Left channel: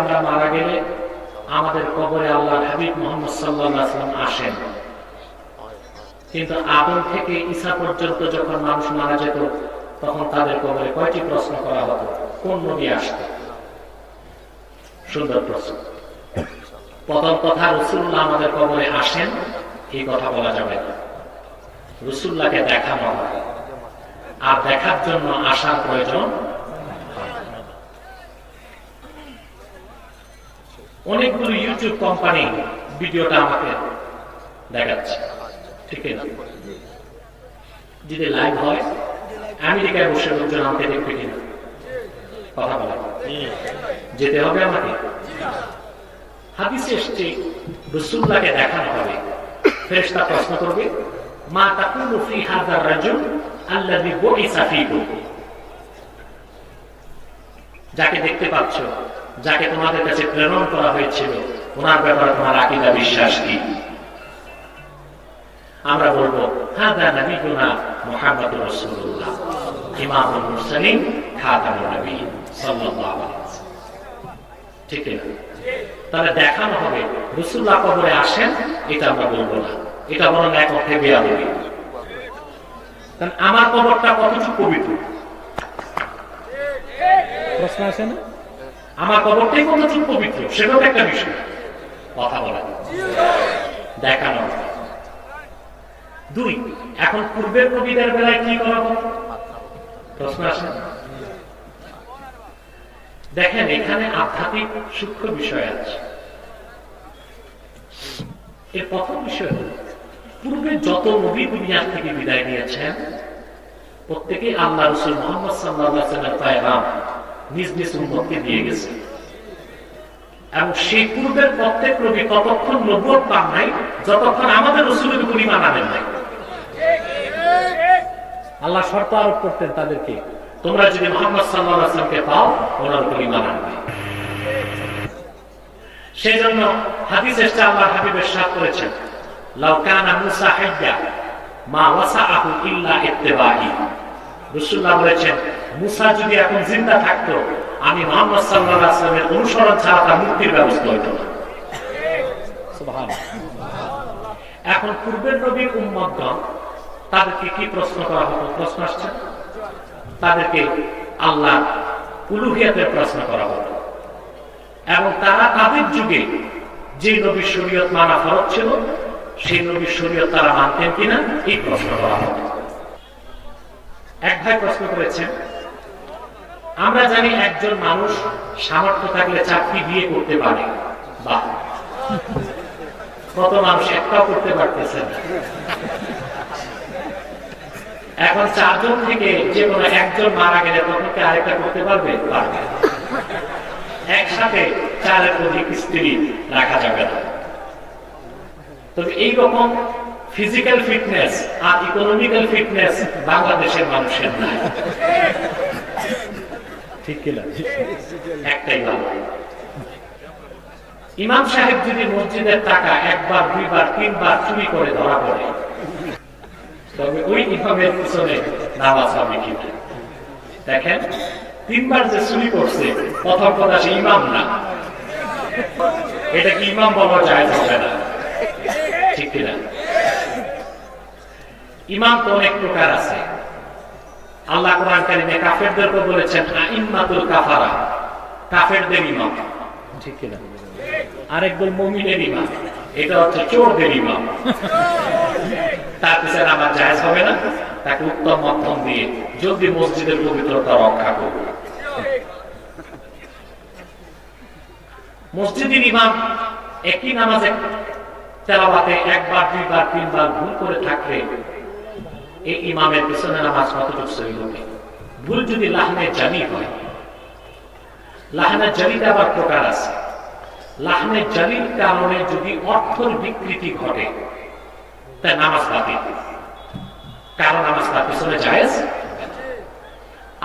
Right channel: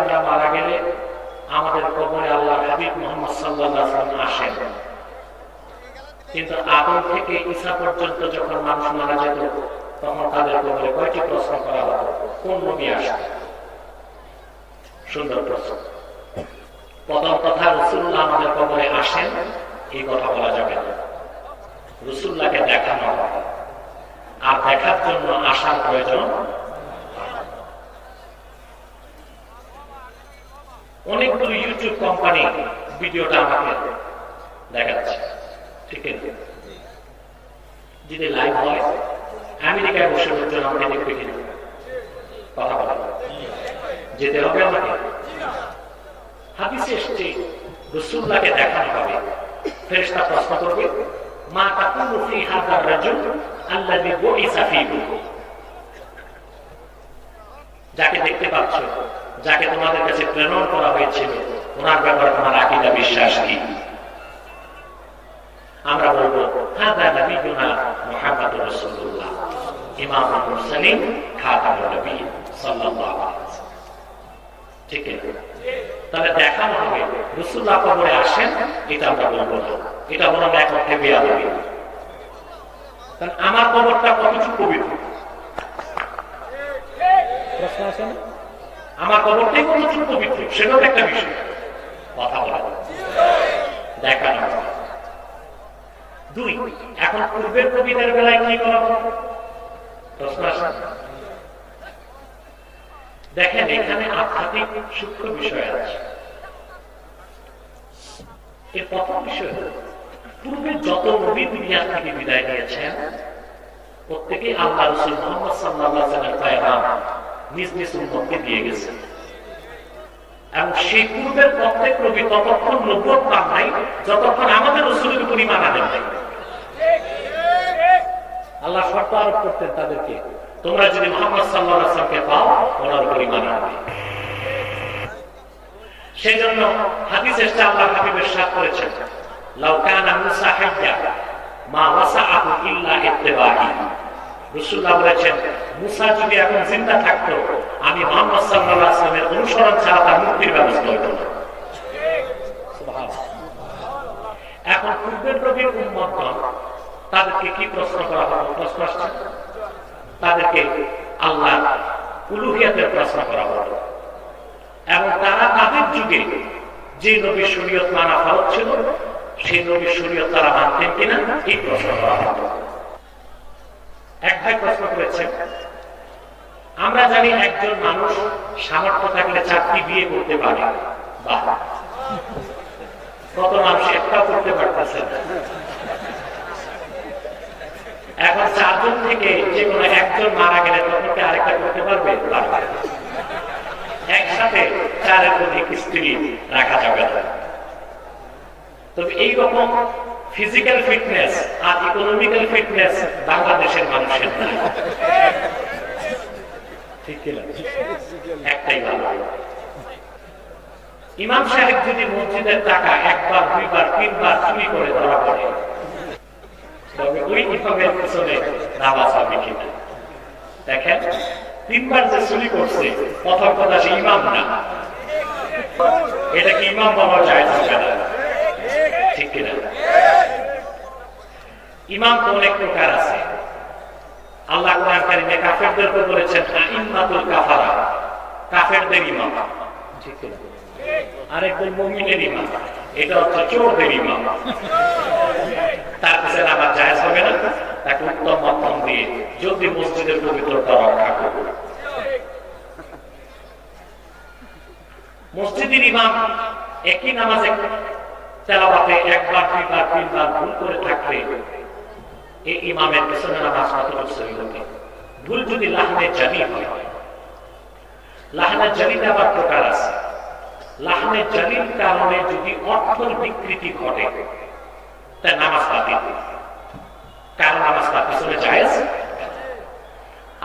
আমরা মারা গেলে আমাদের কবরে আল্লাহর হাবিব মুহাম্মদ সাল্লাল্লাহু আলাইহি ওয়াসাল্লাম আসেন, কিন্তু আদম থেকে ঈসা পর্যন্ত যখন মানুষ মারা যেত তখন তাদের কবরে কয়টি প্রশ্ন করা হতো? কোন নবী আসতো? সুন্দর প্রশ্ন। প্রথম কথা, রাসূলুল্লাহ আমাদের কবরে আসেন এই কথা বলা যাবে না। রাসূলুল্লাহকে দেখানো হয়, আর দেখার জন্য আসার প্রয়োজন। অনেকগুলো ইউটিউব কোম্পানি ভিডিওটা আমাকে দেখাচ্ছে, ঠিক আছে? যদি লাইভ হয় আমেরিকায় বসে লোকজন আমাকে দেখবে কিনা কথা বলা, যেতে হবে আমাকে। হাদিসে এসছে রাসূলুল্লাহকে দেখানো হবে। ফেরেশতা প্রশ্ন করবে, মা তাকুলু ফি হাযার রাজুল আল্লাযী বুইসা ফীকুম, যাকে দেখতে পাচ্ছ, যাকে তোমাদের কাছে প্রেরণ করা হয়েছিল, ওনার ব্যাপারে তোমার আকীদা বিশ্বাস কি? আমরা বলবো হাযা নবিয়ুনা মুহাম্মাদুর রাসূলুল্লাহ ইমামুল মুরসালিন খাতামুন নবিয়্যিন সাল্লাল্লাহু আলাইহি ওয়াসাল্লাম, ঠিক আছে? তাহলে দেখানো হবে রাসূলুল্লাহ কবরে আসেন, এটা আমরা বলবো না, এটা বরং এক অর্থে বেয়াদবি। কারণ আমার কবরটা কতটুকু পবিত্র প্রশ্ন আসে না? আমার কবরটাই কতটুকু পবিত্র সেটাও একটা বিষয়, কথা বলা দেখানো। দুই, এখন পূর্বের নবীদের বেলায় কি করা হবে? প্রশ্ন আসে। দেখেন এখানে আধ্যাত্মিক সূক্ষ্ম বিষয় আছে। এর প্রথম বিষয় হল, পূর্বে যত নবী দুনিয়া থেকে বিদায় নিয়েছেন প্রত্যেকেই আল্লাহ রাসূল মুহাম্মদ সাল্লাল্লাহু আলাইহি ওয়াসাল্লামের পয়গাম নিজ নিজ উম্মতকে দিয়ে গেছেন, এবং সেই পূর্বের প্রত্যেক নবী ততক্ষণ নবুয়ত পান নাই যতক্ষণ আমাদের রাসূলের উপর ঈমান আনেন নাই। আল্লাহ শর্ত আরোপ করতেন তাদেরকে, তোমরা যদি মুহাম্মদ সাল্লাল্লাহু আলাইহি ওয়াসাল্লামকে পাও ওনার উপর ঈমান আনবে। সেজন্য হাদিসে আল্লাহর হাবিব ইরশাদ করেছেন, লাউ কানা মূসা হাইয়্যা মা ওয়াসাআহু ইল্লা ইত্তিবাই। রাসূলুল্লাহ বলেছেন, মূসা যদি এখন জিন্দা থাকতো আমি মুহাম্মদ সাল্লাল্লাহু আলাইহি ওয়াসাল্লামের অনুসরণ ছাড়া তার মুক্তির ব্যবস্থা হতো না। সুবহানাল্লাহ। এখন পূর্বের নবীর উম্মতগণ তাদেরকে কি প্রশ্ন করা হতো? প্রশ্ন আসছে, তাদেরকে আল্লাহ উলুহিয়াতের প্রশ্ন করা হতো, এবং তারা তাদের যুগে যে নবীর শরীয়ত মানা ফরজ ছিল সেই নবীর শরীয়ত তারা মানতেন কিনা এই প্রশ্ন করা হতো। এক ভাই প্রশ্ন করেছেন, আমরা জানি একজন মানুষ সামর্থ্য থাকলে 4টি বিয়ে করতে পারে, বাহ, কত মানুষ একটাও করতে পারতেছে না। এখন 4 জন থেকে যে কোনো একজন মারা গেলে তখন কি আরেকটা করতে পারবে? পারবে। একসাথে 4-এর অধিক স্ত্রী রাখা যাবে না। তবে এইরকম ফিজিক্যাল ফিটনেস আর ইকোনমিক্যাল ফিটনেস বাংলাদেশের মানুষের নাই, ঠিক কিনা? একটাই ভালো। ইমাম সাহেব যদি মসজিদের টাকা 1বার 2বার 3বার চুরি করে ধরা পড়ে, তবে ওই ইমামের পিছনে নামাজ হবে কিনা? দেখেন 3বার যে চুরি করছে প্রথম কথা সে ইমাম না, এটা কি ইমাম বলা যায় হবে না, ঠিক কিনা? ইমাম তো অনেক প্রকার আছে। আল্লাহ কোরআন কারীমে কাফেরদেরকে বলেছেন আইম্মাতুল কাফারা, কাফেরদের ইমাম, ঠিক কিনা? আরেকদল মুমিনের ইমাম, এটা হচ্ছে চোরদের ইমাম। তার পিছনে আমার জায়েজ হবে না, তাকে উত্তম মাধ্যম দিয়ে জলদি মসজিদের পবিত্রতা রক্ষা করব। মসজিদের ইমাম একই নামাজে তেলাওয়াতে 1বার 2বার 3বার ভুল করে থাকলে এই ইমামের পিছনে নামাজ কতটুকু সহি হবে? ভুল যদি লাহনে জানি হয়, লাহনে জানিতে আবার প্রকার আছে। লাহনে জানির কারণে যদি অর্থের বিকৃতি ঘটে তাই নামাজ বাতিল, কারণ নামাজ তার পিছনে জায়েজ।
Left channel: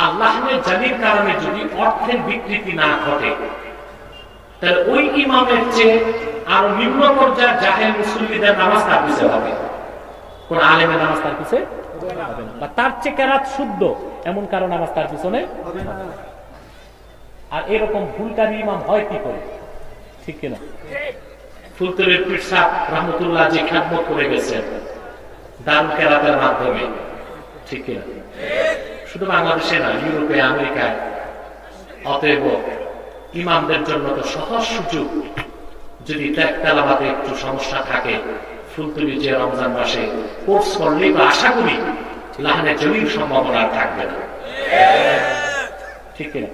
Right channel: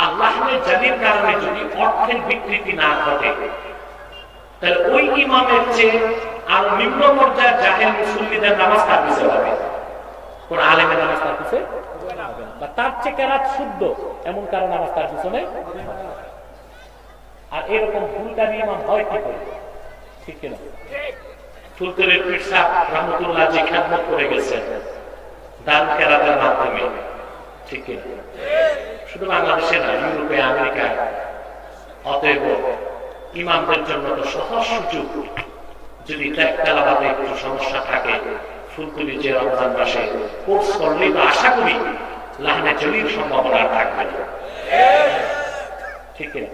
আর লাহনে জানির কারণে যদি অর্থের বিকৃতি না ঘটে তাহলে ওই ইমামের চেয়ে আরো নিম্ন পর্যায়ের জাহেল মুসল্লিদের নামাজ তার পিছনে হবে, কোন আলেমের নামাজ তার পিছনে হবে না, বা তার চেয়ে কেরাত শুদ্ধ এমন কারণ নামাজ তার পিছনে। আর এরকম ভুলকারী ইমাম হয় কি করে? ঠিক কিনা? ফুলতলির পীর সাহেব রহমতুল্লাহ যে খেদমত করে গেছেন দারুল কেরাতের মাধ্যমে, ঠিক কিনা? শুধু বাংলাদেশে না, ইউরোপে, আমেরিকায়। অতএব ইমামদের জন্য তো সহজ সুযোগ। যদি তেলাওয়াতে একটু সমস্যা থাকে, ফুলতলি যে রমজান মাসে কোর্স করলেই তো আশা করি লাহানে জলির সম্ভাবনা থাকবে না, ঠিক কিনা?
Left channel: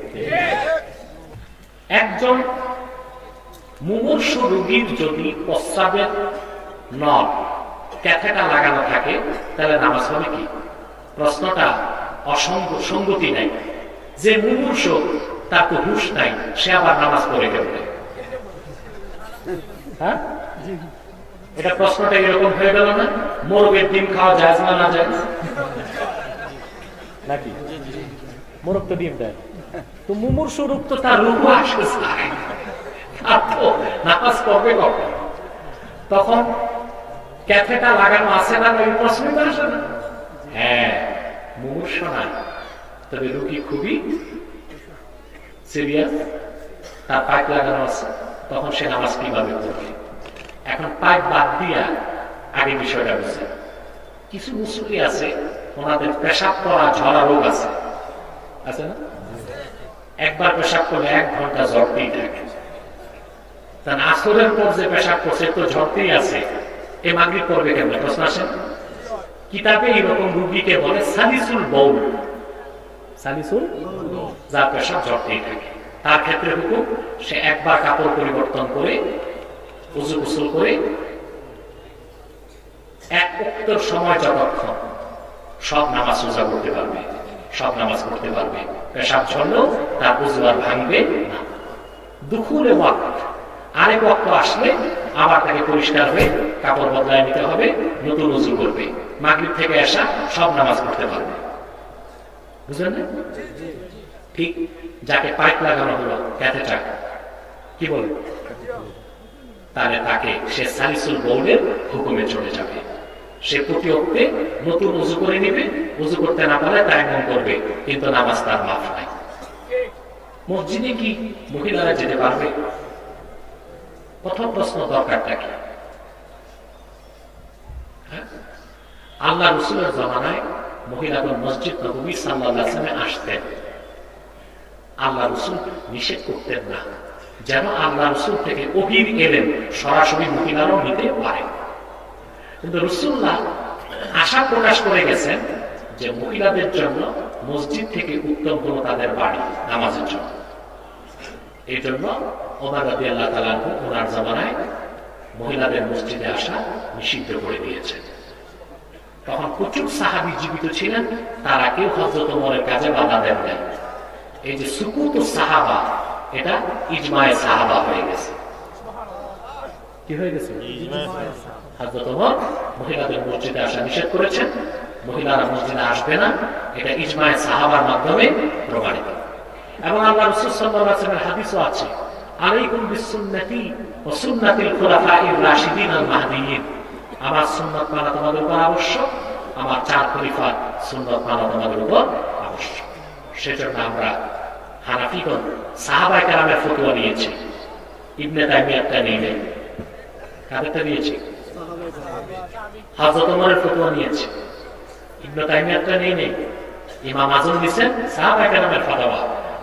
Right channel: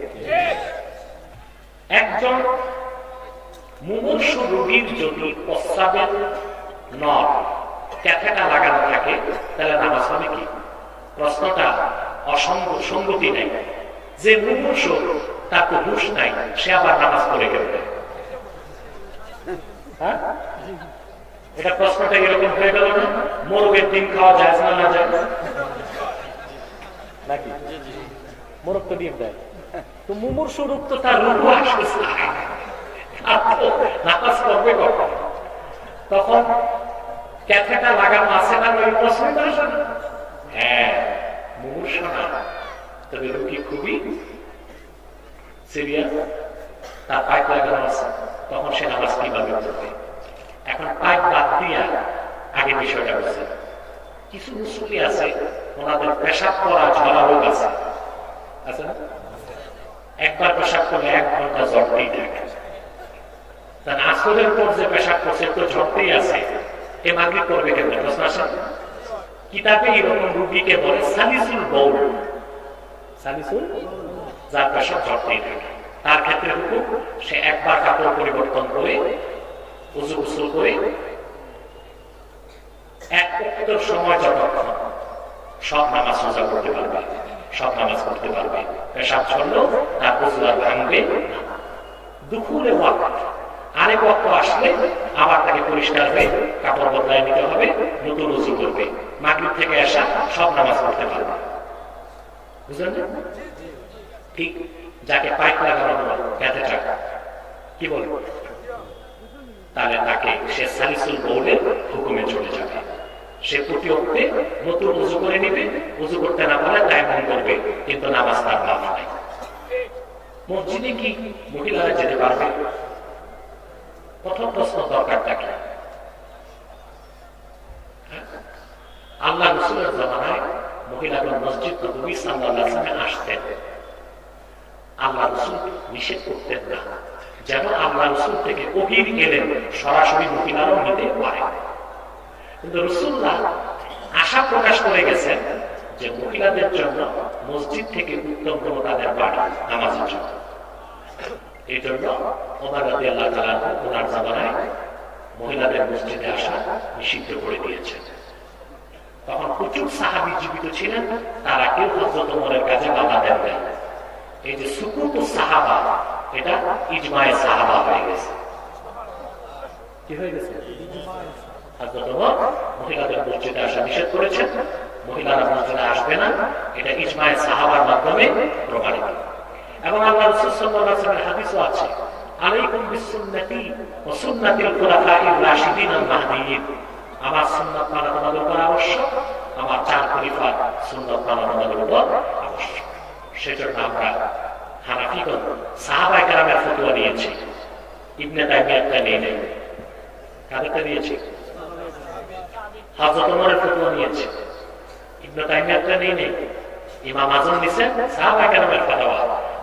একজন মুমূর্ষু রোগীর যদি প্রস্রাবের নল ক্যাথেটা লাগানো থাকে তাহলে নামাজ হবে কি? প্রশ্নটা অসঙ্গতি নাই। যে মুমূর্ষু তার তো হুঁশ নাই, সে আবার নামাজ পড়ে ফেলবে। হ্যাঁ, এটা প্রশ্নটা এরকম হয়ে গেল না? মোরগের ডিম খাওয়া যায় না, না যায় নাকি? মোরগ তো ডিম দেয়। তো মুমূর্ষু রোগ তো তার রূপ আসে, নামাজ পড়বে কখন? তখন ক্যাথেটা লাগানো আছে না, ওই প্রশ্ন আসে না? হ্যাঁ, মুমূর্ষু না, তবে রোগী খুবই সিরিয়াস, তার পাইপ লাগানো আছে, তখন সে নামাজ কিভাবে পড়বে? এখন পাইপ বাদ দিয়া আগে বিষয়টা বুঝে। কিছু মুসলিম আছে, ওনাদের পেশাব করা ঝরা রোগ আছে না? একবার পেশাব করলে 1 ঘন্টা ঝরতেই থাকে। তার আসরের পর যে পেশাব করছে তো ঝরতেই আছে, এ মাগরিব করবে কেন? প্রশ্ন আসে। কিতাবে এরকম রোগীকে বলে সালিসুল বউল, সালিসুল, যার পেশাব ঝরতেই থাকে। তার ক্ষেত্রে হুকুম, সে একবার কাপড় পরিবর্তন করে উযু গোসল করে 1 ওয়াক্তের সময় যতক্ষণ সব নামাজ রোজা করতে পারবে, সব নামাজ করতে পারবে। পেশাব ঝরলেও তার উযু আর ভাঙবে না। দুখুলে ওয়াক্ত, আরেক ওয়াক্ত আসলে আবার তাকে পরিষ্কার হয়ে কাপড় বদলায় নিতে হবে, নতুন উযু করবে। মাগরিব থেকে এশা সব নামাজ করতে পারবে। বুঝলেন? ঠিক যাকে পাইপ লাগানো হলো, ক্যাথেটার কি বলে, তাহলে তাকে সে সালিসুল বউলের হুকুমে চলে যাবে। সে প্রতি ওয়াক্তে নতুন উযু করে নিবে, উযু করতে না পারে তায়াম্মুম করবে, কিন্তু নামাজ তার মাফ নাই। মসজিদে কি মহিলারা যেতে পারবে? প্রথম প্রশ্ন দরকারটা কি? আল্লাহ রাসূলের জামানায় মহিলাগণ মসজিদ নববী সাল্লাল্লাহু আলাইহি ওয়াসাল্লামে আসতেন। আল্লাহ রাসূল নিষেধ করতেন না, যেন আল্লাহ রাসূল থেকে ওহীর এলেন সরাসরি মহিলারাও নিতে পারে। কিন্তু রাসূলুল্লাহ আশা প্রকাশ করে গেছেন যে মহিলাদের জন্য মসজিদ থেকে উত্তম হলো তাদের বাড়ি নামাজের জন্য। এই জন্য ওমর রাদিয়াল্লাহু তাআলা ওনার জামানায় মহিলাদের মসজিদে আসা নিষিদ্ধ করে দিয়েছেন। তখন প্রচুর সাহাবী জীবিত ছিলেন, তারা কেউ হযরত ওমরের কাজে বাধা দেন নাই। এই যে সুকুত সাহাবা, এটা ইজমায়ে সাহাবা হয়ে গেছে। কি হয়ে গেছে? হযরত ওমর মহিলাদের মসজিদে আসা নিষেধ করেছেন, মহিলারা মসজিদে আসবে না, এটা ইজমায়ে সাহাবার মাধ্যমে প্রমাণিত। এবং আল্লাহ রাসূল সাল্লাল্লাহু আলাইহি ওয়াসাল্লামের হাদিসও আছে, আলাইকুম বিসুন্নতি ওয়া সুন্নাতিল খুলাফাইর রাশিদিন আল মাহদিয়িন। আমার সুন্নাত মানা তোমাদের উপর আবশ্যক, আমার 4 খলিফার সুন্নাত মানা তোমাদের উপর আবশ্যক। সেজন্য আমরা হানাফিগণ সাহাবায়ে কেরামের ফতোয়া নিয়েছি, ইবনে তাইমিয়ারটা নেই নাই। কাদেরটা নিয়েছি? হযরত ওমরের ফতোয়া নিয়েছি, ইবনে তাইমিয়ারটা নেই নাই। ইমাম আযম দিয়েছেন সাহাবায়ে কেরামের ফতোয়া।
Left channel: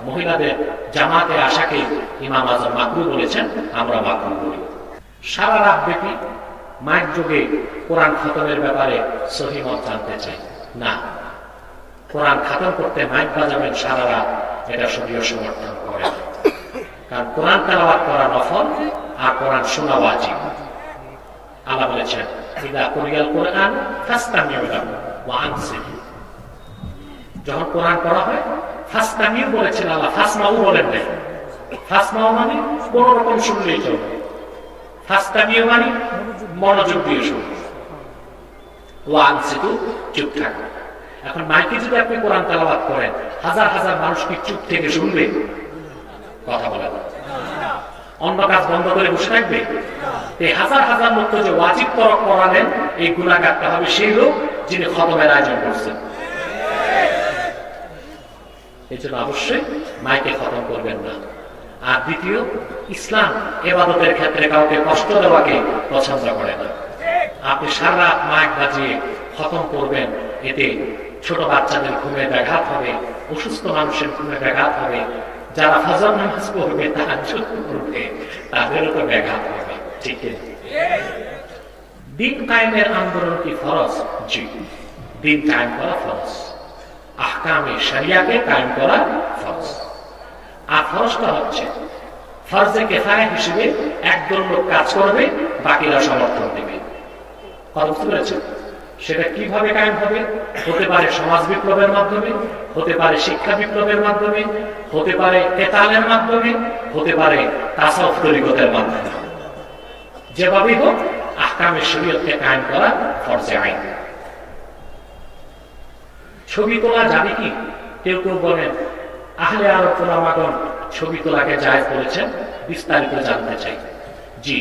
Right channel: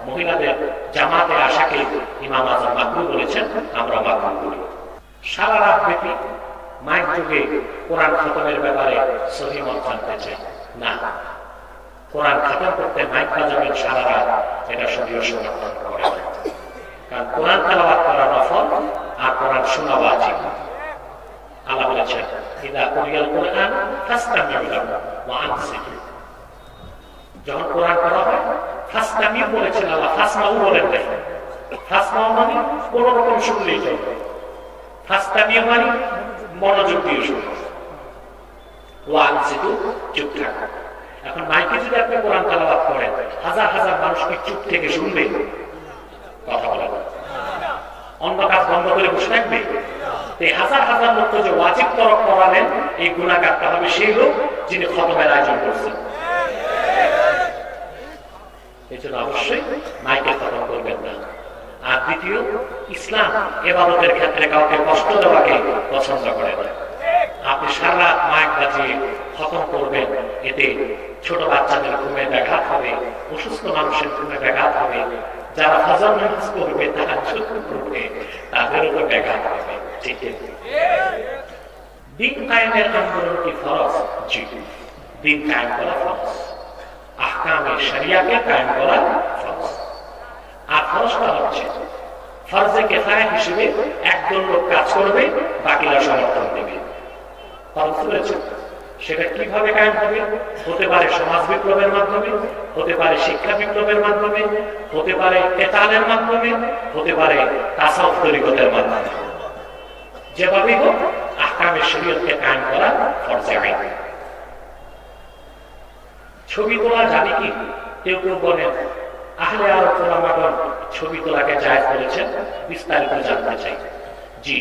মহিলাদের জামাতে আসাকে ইমাম আযম মাকরুহ বলেছেন, আমরা মাকরুহ বলি। সারা রাত ব্যাপী মাইক যুগে কোরআন খতমের ব্যাপারে সহিহ মত জানতে চাই না। কোরআন খতম করতে মাইক বাজাবেন সারা রাত, এটা শরীয়ত সমর্থন করে না। কারণ কোরআন তেলাওয়াত করা নফল আর কোরআন শোনা ওয়াজিব। আল্লাহ বলেছেন, ইযা কুরিয়াল কুরআন ফাসতামিউ লাহু ওয়া আনসিতু। যখন কোরআন পড়া হয়, ফাসতামিউ বলেছেন আল্লাহ, ফাসমাউ বলেন নাই। ফাসমাউ মানে কোন রকম শুনলেই চলবে, ফাসতামিউ মানে মনোযোগ দিয়ে শুনবে, ওয়া আনসিতু চুপ থাকো। এখন মাইকে যদি আপনি কোরআন তেলাওয়াত করেন, হাজার হাজার মানুষ কি চুপ থেকে শুনবে? কথা বলা অন্য কাজ বন্ধ করে বসে থাকবে? এই হাজার হাজার লোক যে ওয়াজিব তরক করালেন, এই গুনাহগারটা হবে সেই লোক যিনি খতমের আয়োজন করছেন। এই জন্য অবশ্যই মাইকে খতম করবেন না। আর দ্বিতীয়, ইসলাম ইবাদতের ক্ষেত্রে কাউকে কষ্ট দেওয়াকে পছন্দ করে না। আপনি সারা রাত মাইক বাজিয়ে খতম করবেন, এতে ছোট বাচ্চাদের ঘুমে ব্যাঘাত হবে, অসুস্থ মানুষের ঘুমে ব্যাঘাত হবে, যারা ফজর নামাজ পড়বে তাহাজ্জুদ করবে তাদেরও তো ব্যাঘাত হবে। ঠিক আছে? দিন কায়েমের আন্দোলন কি ফরজ? জি, দিন কায়েম করা ফরজ, আহকামে শরিয়াকে কায়েম করা ফরজ। আর ফরজটা হচ্ছে ফরজে কিফায়া হিসেবে একদল লোক কাজ করবে, বাকিরা সমর্থন দেবে। বুঝতে পেরেছেন? সেটা কিভাবে কায়েম হবে? হতে পারে সমাজ বিপ্লবের মাধ্যমে, হতে পারে শিক্ষা বিপ্লবের মাধ্যমে, হতে পারে কেতালের মাধ্যমে, হতে পারে তাসাউফ তরিকতের মাধ্যমে। যেভাবেই হোক আহকামে শরীয়তকে কায়েম করা ফরজে আইন। ছবি তোলা যাবে কি? কেউ কেউ বলেন আহলে আরব উলামাগণ ছবি তোলাকে জায়েজ করেছেন, বিস্তারিত জানতে চাই। জি,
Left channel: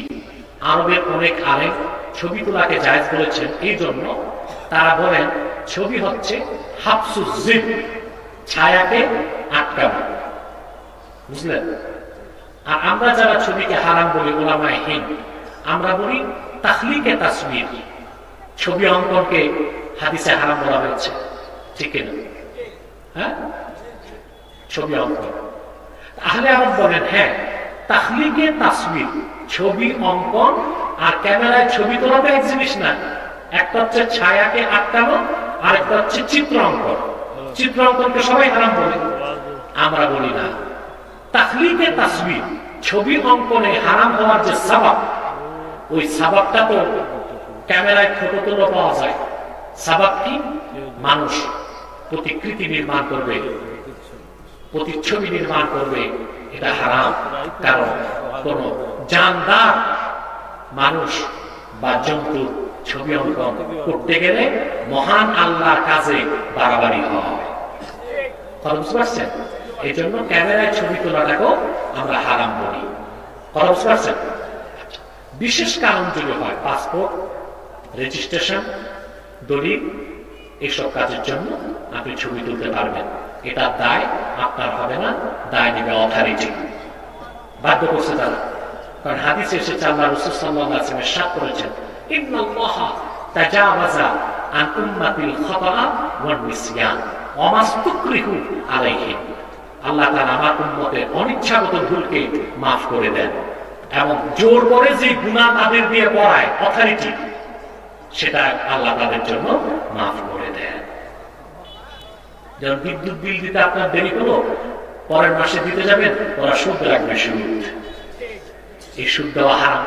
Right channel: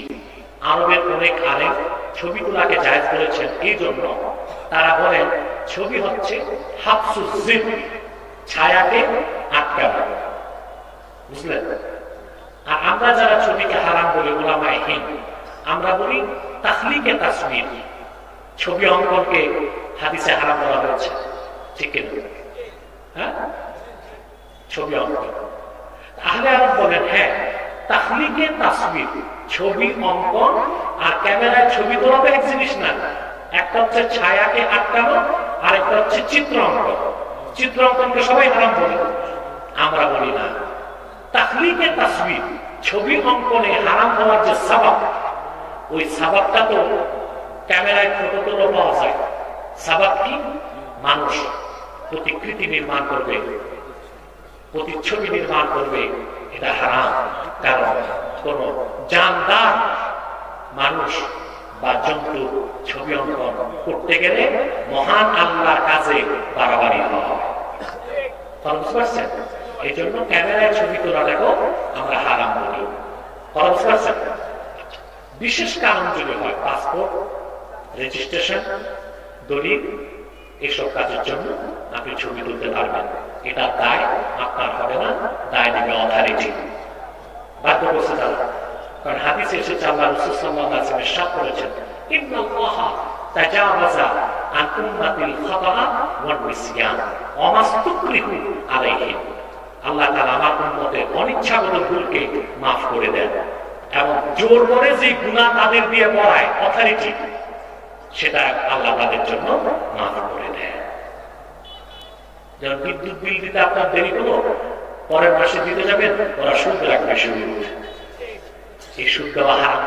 আরবের অনেক আলেম ছবি তোলাকে জায়েজ করেছেন। এই জন্য তারা বলেন ছবি হচ্ছে হাবসুজ জিদ, ছায়াকে আটকানো। বুঝলেন? আর আমরা যারা ছবিকে হারাম বলি উলামায়ে হিন্দ, আমরা বলি তাখলিকে তাসবির, ছবি অঙ্কনকে হাদিসে হারাম বলা হয়েছে। ঠিক না? হ্যাঁ, ছবি অঙ্কন। আহলে আরব বলেন হ্যাঁ, তাখলিকে তাসবির, ছবি অঙ্কন আর ক্যামেরায় ছবি তোলা তো এক জিনিস না। একটা হচ্ছে ছায়াকে আটকানো, আর একটা হচ্ছে চিত্র অঙ্কন। চিত্র অঙ্কনকে সবাই হারাম বলে, আমরা বলি না। তাখলিকে তাসবির, ছবি অঙ্কনে হারাম হওয়ার যে সাবাব, ওই সাবাবটা তো ক্যামেরায় ফটো তোলা পাওয়া যায়। সাবাব কি? মানুষ প্রতিকৃতি নির্মাণ করবে, প্রতিচ্ছবি নির্মাণ করবে, এটা হারাম। কারণ কোন জানদার মানুষ বা জন্তু ছবি অঙ্কন করতে গেলে মহান আল্লাহর কাজে বাড়াবাড়ি হয়। বুঝতে পারছেন? এই জন্য ক্যামেরায় ছবি তোলাটাকেও আমরা হারাম বলি। কথা বুঝতে পারছেন? বিশেষ কারণ যদি হয়, পাসপোর্ট, রেজিস্ট্রেশন, দলিল, এসব কাজের জন্য আপনি ছবি তুলতে পারবেন। এটা দায় আপনার হবে না, দায় নেবে অথরিটি। বাধ্য করছে তারা। কারণ হাদিসে এসেছে আল্লাহ রাসূল সাল্লাল্লাহু আলাইহি ওয়াসাল্লাম ইরশাদ করেছেন, ইন্নাল্লাহা তাজাওয়াজা আন উম্মাতিল খাতা ওয়ান নিসয়ান ওয়া মাসতুকরিহু আলাইহি। আল্লাহ তাআলা আমার উম্মতের অনিচ্ছাগত ভুলকে মাফ করে দেন, এবং জোর করে যে গুনাহ তাদের দিয়ে করায় অথরিটি, সেটা আল্লাহ তাদের জন্য মাফ করে দেন। যেমন বিদ্যুৎ বিল দিতে আপনার দেরি হলো, পরের মাসে দিতে যাবেন, ওরা সুদ রাখবে, সুদ। এই সুদ দেওয়া হারাম,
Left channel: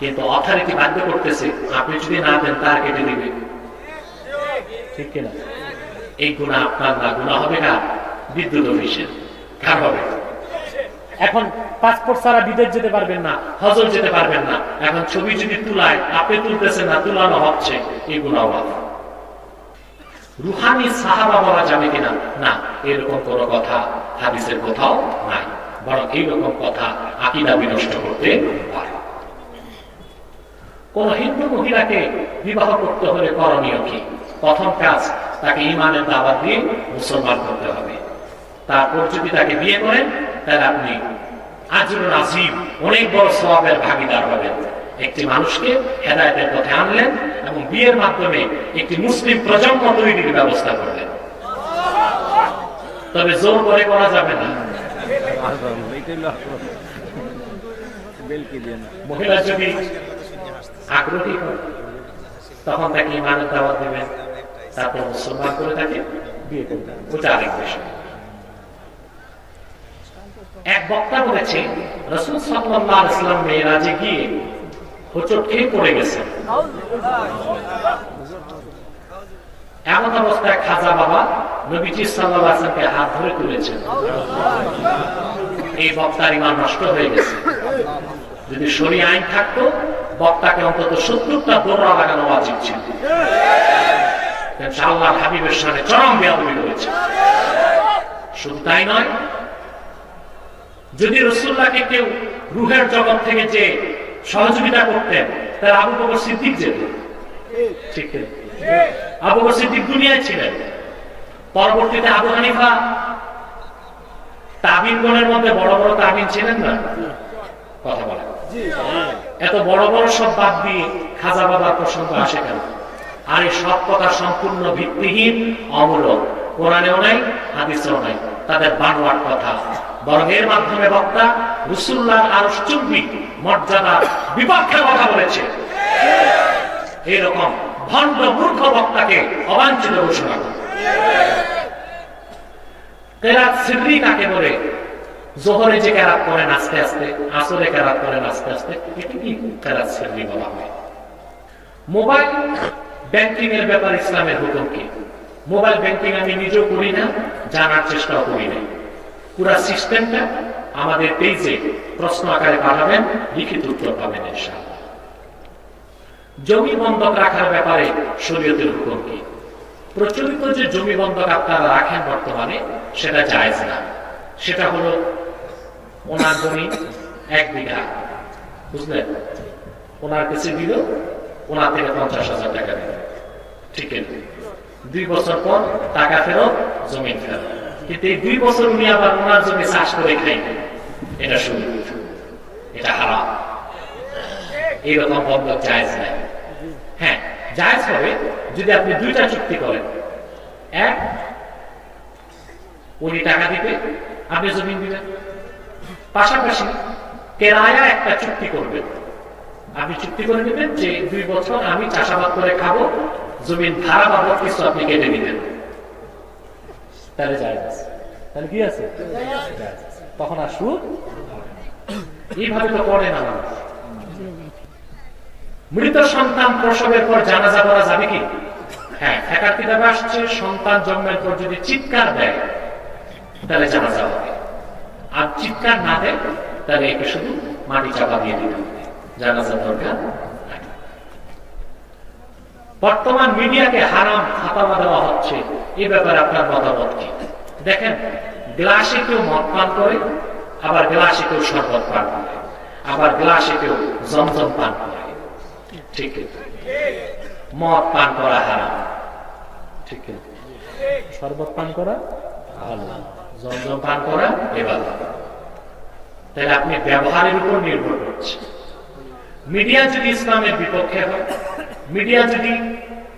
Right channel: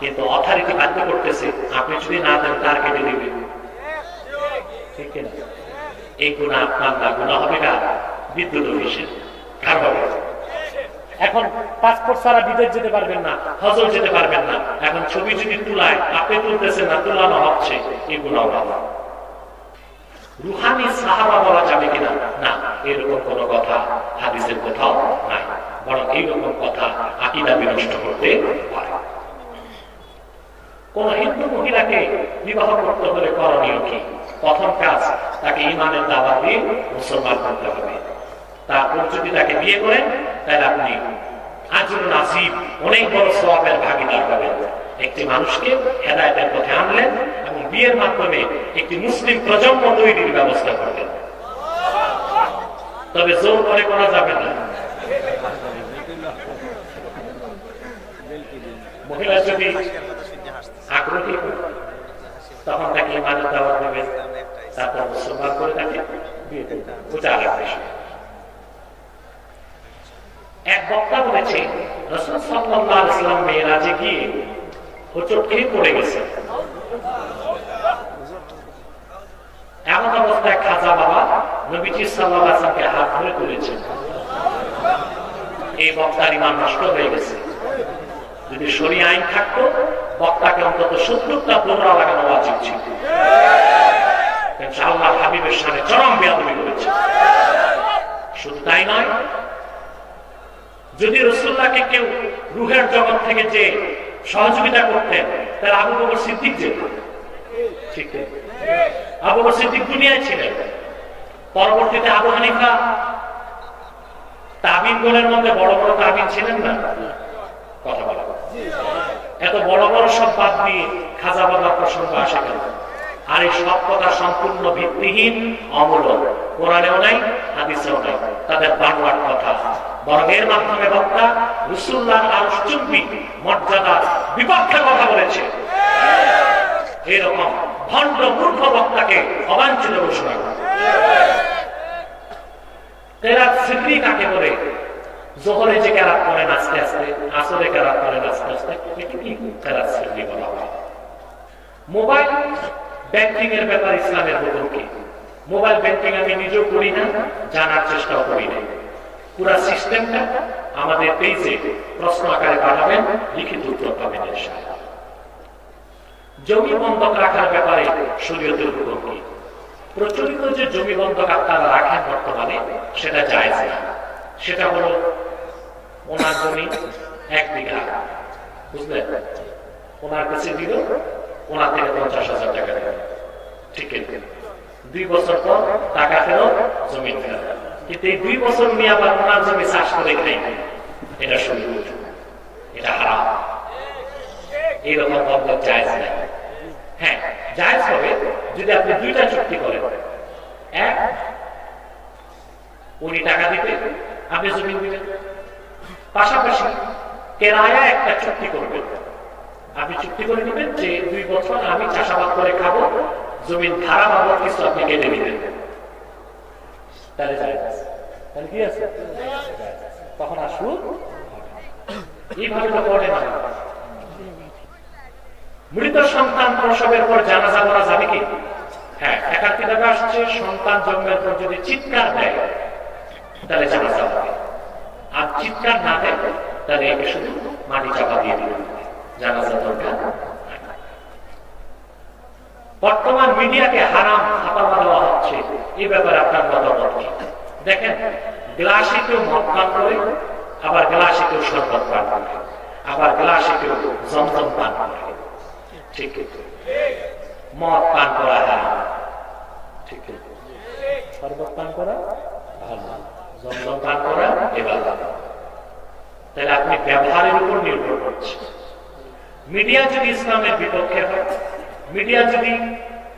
কিন্তু অথরিটি বাধ্য করতেছে, আপনি যদি না দেন তার কেটে দিবে। ঠিক কিনা? এই গুনাহ আপনার না, গুনাহ হবে না বিদ্যুৎ অফিসের। কার হবে? এখন পাসপোর্ট ছাড়া বিদেশ যেতে পারবেন না, হজর যেতে পারবেন না। এখন ছবি যদি তুলায়, আপনি তুলতেছেন না, তুলানো হচ্ছে, এই গুনাহ হবে। রুহানি সাহাবা বলা যাবে কিনা? না, এরকম কোন কথা হাদিসের কোথাও নাই। বরং এইরকম কথা আকীদা বিনষ্ট করতে পারে। কোন হিন্দু মহিলাকে বিবাহ করতে হলে করণীয় কি? প্রথম কাজ, তাকে ঈমানের দাওয়াত দিয়ে মুসলমান করতে হবে। তারপর যদি তাকে বিয়ে করেন, তাহলে আপনি আজরুল আজিম, অনেক বড় সওয়াবের ভাগীদার হবেন। একটি মানুষকে হেদায়েতের পথে আনলেন এবং বিয়ের মাধ্যমে একটি মুসলিম প্রজন্ম তৈরির ব্যবস্থা করলেন। তবে জোর করে করা যাবে না। মহিলা যদি আগ্রহী হয়, তখন তাকে ঈমানের দাওয়াত দেবেন, তারপর মুসলমান করে তাকে বিয়ে করবেন। ওটা আরেক বিষয়। এক বক্তা বলেছে, রাসূল সাল্লাল্লাহু আলাইহি ওয়াসাল্লাম মেরাজে গিয়ে হোঁচট খেয়ে পড়ে গেছেন। এমন অবস্থায় খাজা বাবা নবীজি সাল্লাল্লাহু আলাইহি ওয়াসাল্লামকে হাত ধরে তুলেছেন। এই বক্তার ঈমান নষ্ট হয়ে গেছে। যদি শরীয়ত আইন থাকতো, বক্তাকে অন্তত ৭০টা দোররা লাগানো উচিত ছিল। আল্লাহর হাবিবের সামনে চরম বেয়াদবি করেছে। শুধু তাই নয়, যদি রাসূলুল্লাহকে কেউ রূহের জগৎ থেকে যে সহযোগিতা করতেন, তাহলে আবু বকর সিদ্দিক যেত। ঠিক না? আবু বকর সিদ্দিক দুনিয়ায় ছিলেন। পরবর্তীতে আবু হানিফা তাবিনগণের মধ্যে বড় বড় তাবিন ছিলেন না? কথা বলা, এত বড় বড় সব বাদ দিয়ে খাজা বাবার প্রসঙ্গ আসে কেন? আর এই সব কথা সম্পূর্ণ ভিত্তিহীন, অমূলক। কোরআনেও নাই, হাদিসেও নাই, তাদের বাংলার কথা। বরং এর মাধ্যমে বক্তা রাসূলুল্লাহ আরশ চুম্বি মর্যাদার বিপক্ষে কথা বলেছে। এরকম ভণ্ড মূর্খ বক্তাকে অবাঞ্ছিত ঘোষণা করে। কেরাত সিররি কাকে বলে? জোহরে যে কেরাত করেন আস্তে আস্তে, আসরে কেরাত করেন আস্তে আস্তে, এটি কি কেরাত সিররি বলা হয়। মোবাইল ব্যাংকিং এর ব্যাপারে ইসলামের হুকুম কি? মোবাইল ব্যাংকিং আমি নিজেও করি না, জানার চেষ্টাও করি না। পুরা সিস্টেমটা আমাদের পেজে প্রশ্ন আকারে পাঠাবেন, লিখিত উত্তর পাবেন ইনশাআল্লাহ। জমি বন্ধক রাখার ব্যাপারে শরীয়তের হুকুম কি? প্রচলিত যে জমি বন্ধক আপনারা রাখেন বর্তমানে, সেটা জায়েজ না। সেটা হলো ওনার জমি 1 বিঘা, বুঝলেন? ওনার কাছে দিল, ওনার থেকে 50,000 টাকা দিল, ঠিক আছে? 2 বছর পর টাকা ফেরত, জমি ফেরত। কিন্তু এই 2 বছর উনি আবার ওনার জমি চাষ করে খাই, এটা শুরু, এটা হারাম। এইরকম বন্ধক জায়েজ না। হ্যাঁ, জায়েজ হবে যদি আপনি 2টা চুক্তি করেন। এক, উনি টাকা দিবে, আপনি জমি দিবেন। পাশাপাশি কেরায়া একটা চুক্তি করবেন। আপনি চুক্তি করে নেবেন যে 2 বছর আমি চাষাবাদ করে খাবো, জমির ভাড়া বাবদ কিছু আপনি কেটে নিবেন। তাহলে জায়েজ। তাহলে কি আছে? তখন আর সুদ। এইভাবে তো করে না। মৃত সন্তান প্রসবের পর জানাজা করা যাবে কি? হ্যাঁ, একার কিতাবে আসছে সন্তান জন্মের পর যদি চিৎকার দেয় তাহলে জানাজা হবে, আর চিৎকার না দেয় তাহলে একে শুধু মাটি চাপা দিয়ে দিবে, জানাজা দরকার। বর্তমান মিডিয়াকে হারাম খাতামা দেওয়া হচ্ছে, এই ব্যাপারে আপনার মতামত কি? দেখেন, গ্লাসে কেউ মদ পান করে, আবার গ্লাসে কেউ শরবত পান করে, আবার গ্লাসে কেউ জমজম পান করে। ঠিক, মদ পান করা হারাম, ঠিক, শরবত পান করা ভালো, জমজম পান করা এবার। তাহলে আপনি ব্যবহারের উপর নির্ভর করছে। মিডিয়া যদি ইসলামের বিপক্ষে হয়, মিডিয়া যদি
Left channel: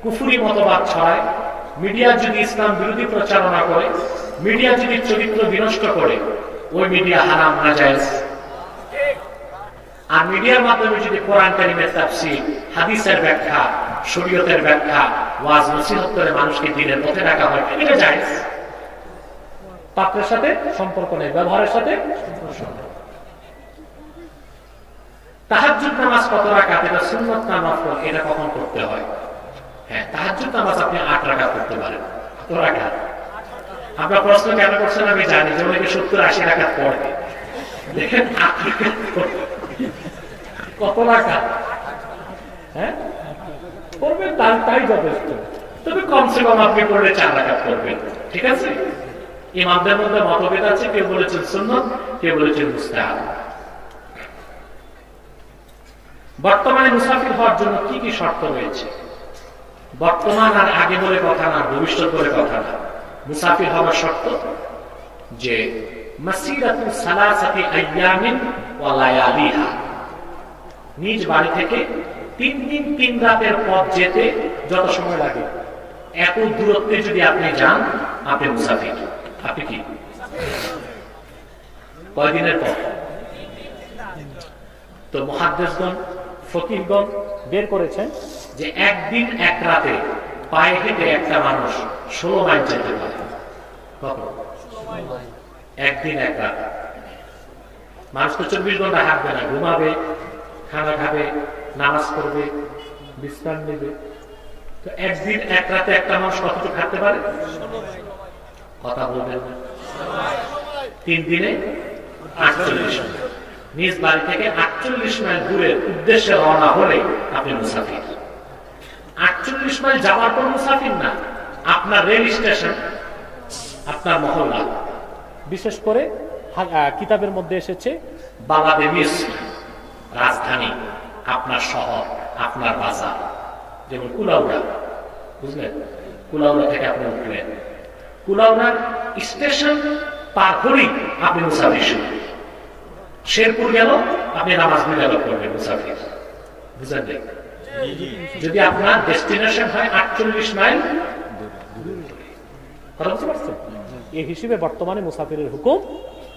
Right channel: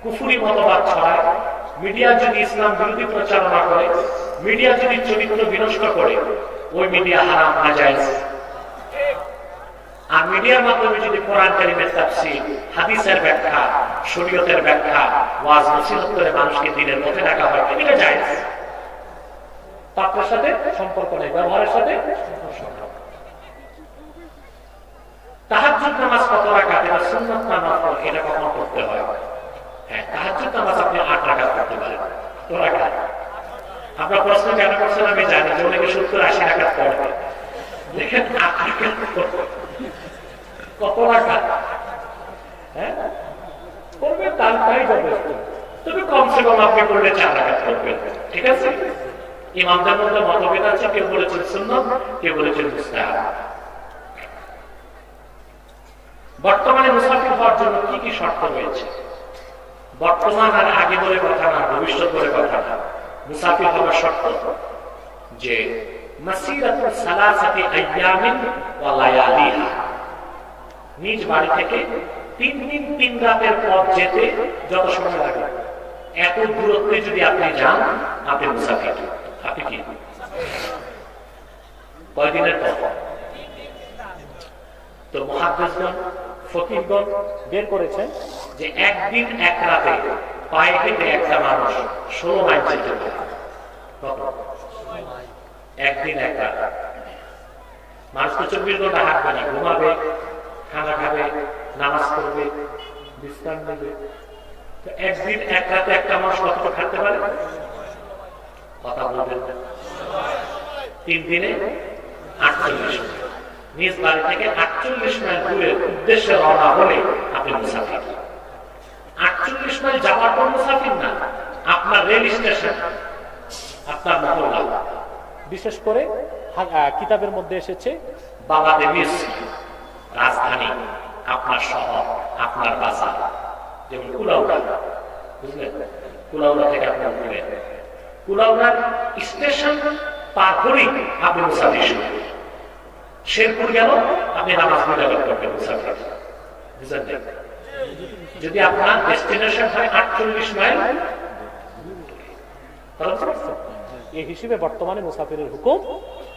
কুফরি মতবাদ ছড়ায়, মিডিয়া যদি ইসলাম বিরোধী প্রচারণা করে, মিডিয়া যদি চরিত্র বিনষ্ট করে, ওই মিডিয়া হারাম, নাজায়েজ। আর মিডিয়ার মাধ্যমে যদি কোরআন কারীমের তাফসীর, হাদিসের ব্যাখ্যা, শরীয়তের ব্যাখ্যা, ওয়াজ নসিহত করে মানুষকে দ্বীনের পথে রাখা হয়, এটা জায়েজ। পাত্রের সাথে সম্পর্ক নেই, ব্যবহারের সাথে সম্পর্ক। তাহাজ্জুদ নামাজ কত রাকাত? এটা সুন্নাত না নফল? এটা কখন করতে হয়? হ্যাঁ, তাহাজ্জুদ নামাজ আপনি 8 রাকাত করতে পারেন। কত রাকাত? আপনার প্রশ্ন কেন করছেন আমি জানি, যে অনেকে 70-80 রাকাত পড়ে। দেখেন 8 রাকাত কত রাকাত? হ্যাঁ, করবেন, তাই যথেষ্ট। তবে কমসে কম আপনি করলে 4 রাকাত করবেন, ঠিক আছে? ইমামদের মধ্যে মতভেদ আছে, কেউ বলেছেন সুন্নাত, কেউ বলেছেন মুস্তাহাব। বর্তমানে মুসাফির হওয়ার জন্য কি কি শর্ত রয়েছে? বর্তমান আর আগে বলে কথা না, ভবিষ্যৎ বলে কথা না। মুসাফির হওয়ার শর্ত যে মাসিরাতু সালাসাতি আইয়ামিন ওয়া লায়ালিহা, নিজ বাড়ি থেকে 3 দিন 3 রাতের পথ যেতে যত সময় লাগে, এত দূরত্বে যদি আপনি যান, আপনি মুসাফির। আপনি কি কয়দিনের পথ? তো মুহাদ্দিসগণ, ফকিহগণ বের করেছেন যে 1 দিন 1 রাতে পায়ে হেঁটে একটা মানুষ 16 মাইল যেতে পারে। কত? 1 দিন 1 রাত। মানুষ তো 24 ঘন্টা হাঁটবে না, ঘুমাবে, খানা খাবে, নামাজ পড়বে, বিশ্রাম নেবে। তো 1 দিন 1 রাতে একটা মানুষ কতটুকু হাঁটতে পারে? কথা বলবেন না। 3 দিনে 48 মাইল। নিজ বাড়ি থেকে 48 মাইল দূরের উদ্দেশ্যে রওনা হলে আপনি মুসাফির। 48 মাইল যাওয়ার পর মুসাফির না, আপনার রেল স্টেশন, আপনার মহল্লা। বিশেষ করে কিতাবের মধ্যে এসেছে বাংলাদেশ রাজধানী, আপনার শহর, আপনার বাজার, যেমন কুলাউড়া, বুঝলেন? কুলাউড়া থেকে আপনি উঠলেন, কুলাউড়ার স্টেশন পার করেই আপনি মুসাফির শুরু। শেরপুর গেল, আপনি নামাজ মিলাদ করবেন মুসাফির, বুঝলেন? যদি আপনার ডেস্টিনেশন হয় 48 মাইল, এই হিসেবে বর্তমানে মুসাফিরের হুকুম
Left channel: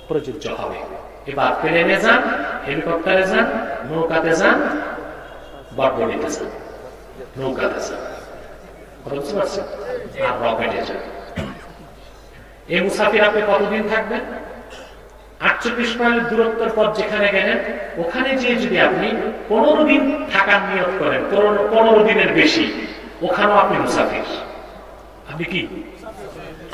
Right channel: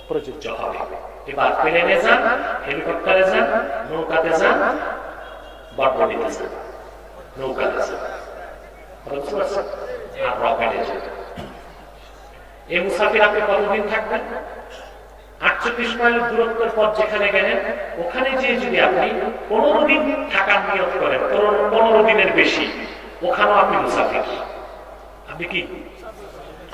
প্রযোজ্য হবে। এবার প্লেনে যান, হেলিকপ্টারে যান, নৌকাতে যান, বটবটিতে যান, নৌকাতে যান, আর রকেটে যান। এই মুসাফির আপনি কতদিন থাকবেন? 48 মাইলের দূরত্বের পর যেখানে গেলেন, ওখানে যে যদি আপনি 15 দিন থাকার নিয়ত করেন, 15 দিনের বেশি, ওখানেও আপনি মুসাফির। আপনি কি?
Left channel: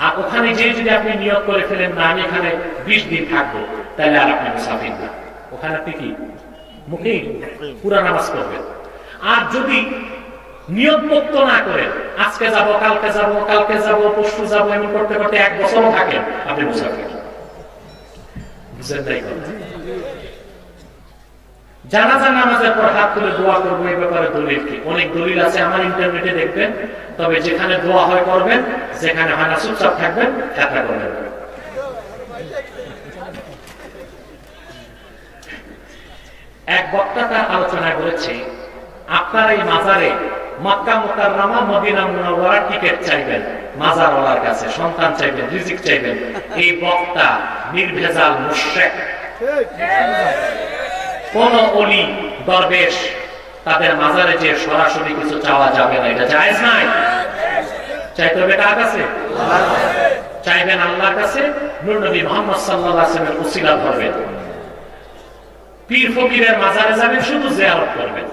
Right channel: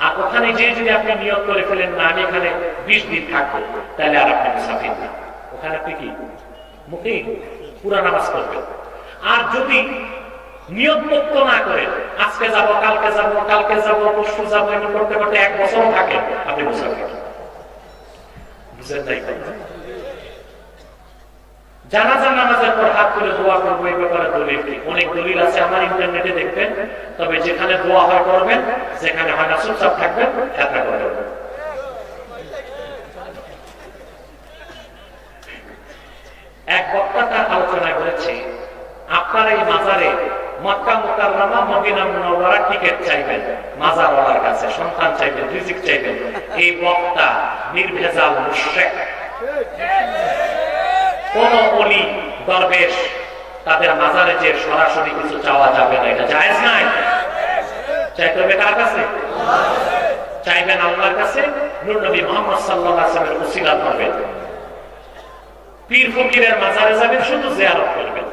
আর ওখানে যে যদি আপনি নিয়ত করে ফেলেন না আমি এখানে 20 দিন থাকবো, তাহলে আর আপনি মুসাফির না, ওখানে আপনি কি মুকিম, পুরা নামাজ পড়বেন। আর যদি নিয়ত মুক্ত না করেন, আজকে যাব, কালকে যাব, কালকে যাব, পরশু যাব, এমন করতে করতে 1 বছরও থাকেন, আপনি মুসাফির। বুঝেন নাই? জানাজা নামাজের পর হাত তুলে দোয়া করবো, এই ব্যাপারে দলিল কি? অনেক দলিল আছে আমার ইন্টারনেটে দেখবেন। তবে যেখানে দোয়া হয় করবেন, যেখানে হয় না চুপচাপ থাকবেন, খেতা করবেন। এক বক্তা তার আলোচনায় বলেছে, আপনারা এই মাজারে মক্কা মুকাররমা মদিনা মুনাওয়ারা টিকিট চাইবেন, মাজারওয়ালার কাছে সন্তান চাইবেন, রিজিক চাইবেন। এই বক্তা নির্ভেজাল মুশরিক। কোন ওলি দরবেশ তাদের মাজারে যে সরাসরি কিছু চাওয়া যাবে না, এটা জায়েজ নাই। চাইতে হবে কার কাছে? চাইবেন আল্লাহর কাছে, নূর নবী মুহাম্মদ সাল্লাল্লাহু আলাইহি ওয়াসাল্লামের উসিলা ধরবেন। পীর ফকিরের মাজারে যাবেন, শুধু জিয়ারত করবেন,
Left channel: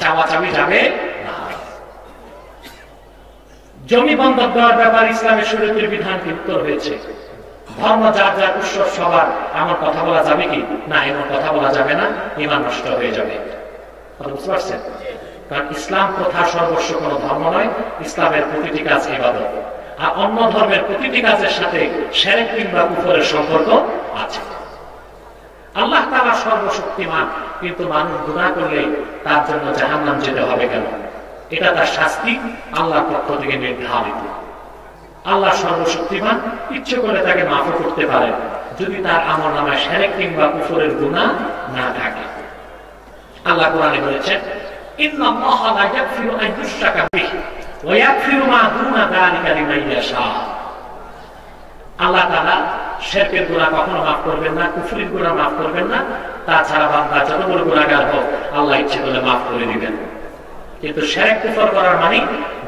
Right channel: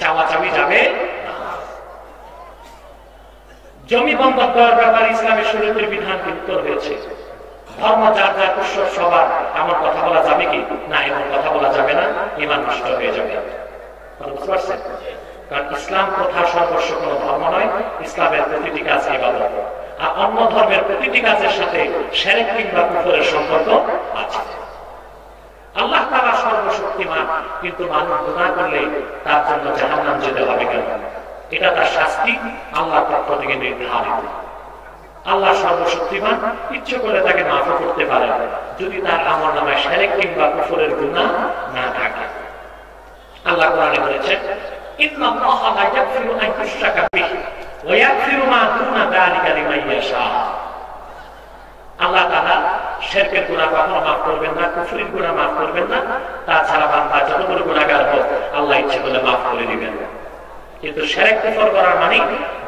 চাওয়া চাবি যাবে না। জমি বন্ধক দেওয়ার ব্যাপারে ইসলামের শরীয়তের বিধান কি উত্তর হয়েছে? ধর্ম যার যার উৎসব সবার, এমন কথা বলা যাবে কি? না, এমন কথা বলা যাবে না, ঈমান নষ্ট হয়ে যাবে। বুঝতে পারছেন? কারণ ইসলাম প্রথা সর্বস্ব কোন ধর্ম নয়, ইসলামের প্রতিটি কাজ ইবাদত। আর অন্য ধর্মের প্রতিটি কাজের সাথে শিরক কিংবা কুফরের সম্পর্ক আছে। আল্লাহ তাআলা সর্বশক্তিমান, কিন্তু মানুষ গুনাহ করলে তার জন্য জাহান্নাম যেতে হবে কেন? এটা তার শাস্তি আল্লাহর পক্ষ থেকে নির্ধারিত। আল্লাহ সর্বশক্তিমান, ইচ্ছে করে তাকে মাফ করতে পারেন যদি তার আমলনামায় শিরক কিংবা কুফরের গুনাহ না থাকে। আল্লাহ কোরআনে বলেছেন, ইন্নাল্লাহা লা ইয়াগফিরু আন ইউশরাকা বিহি ওয়া ইয়াগফিরু মা দুনা যালিকা লিমান ইয়াশা। আল্লাহ তাআলা শিরকের গুনাহ কখনো মাফ করবেন না, কুফরের গুনাহ মাফ করবেন না। তাছাড়া বান্দা যত বড় গুনাহগার হোক, আল্লাহ ইচ্ছে করলে মাফ করে দিবেন। কিন্তু শিরক কুফর করার মানে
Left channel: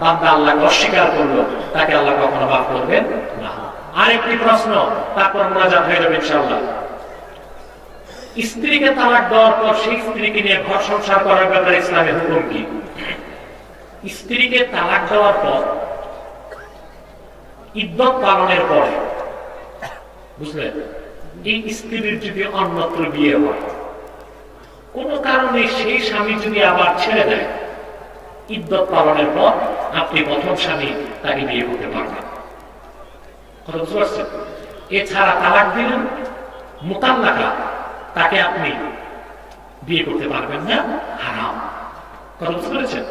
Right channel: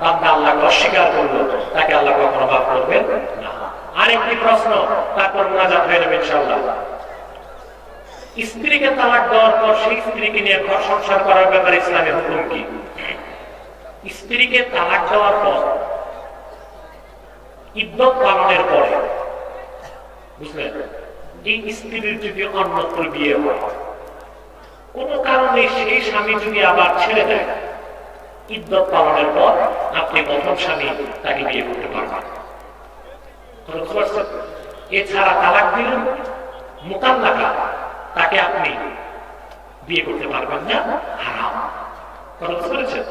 বান্দা আল্লাহকে অস্বীকার করলো, তাকে আল্লাহ কখনো মাফ করবেন না। আরেকটি প্রশ্ন, তারপর মুনাজাত হয়ে যাবে ইনশাআল্লাহ। স্ত্রীকে তালাক দেওয়ার পর সেই স্ত্রীকে নিয়ে ঘর সংসার করার ব্যাপারে ইসলামের হুকুম কি? স্ত্রীকে তালাক দেওয়ার পর ইদ্যত পালনের পরে, বুঝলেন, এই স্ত্রীর যদি অন্যত্র বিয়ে হয়, কোন কারণে সেই স্বামী যদি আবার ছেড়ে দেয়, ইদ্যত পালনের পর আপনি প্রথম স্বামী তাকে বিয়ে করতে পারবেন। কথা বুঝতে পারছেন? এছাড়া তালাক দিলেন, মুতাল্লাকা, তাকে আপনি বিয়ে করতে পারবেন না, হারাম। কথা বুঝতে পেরেছেন?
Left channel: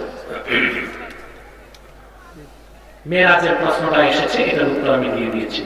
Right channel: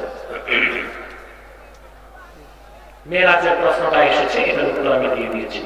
মেরাজের প্রশ্নটা এসেছে, এটার উত্তর আমি দিয়ে দিয়েছি।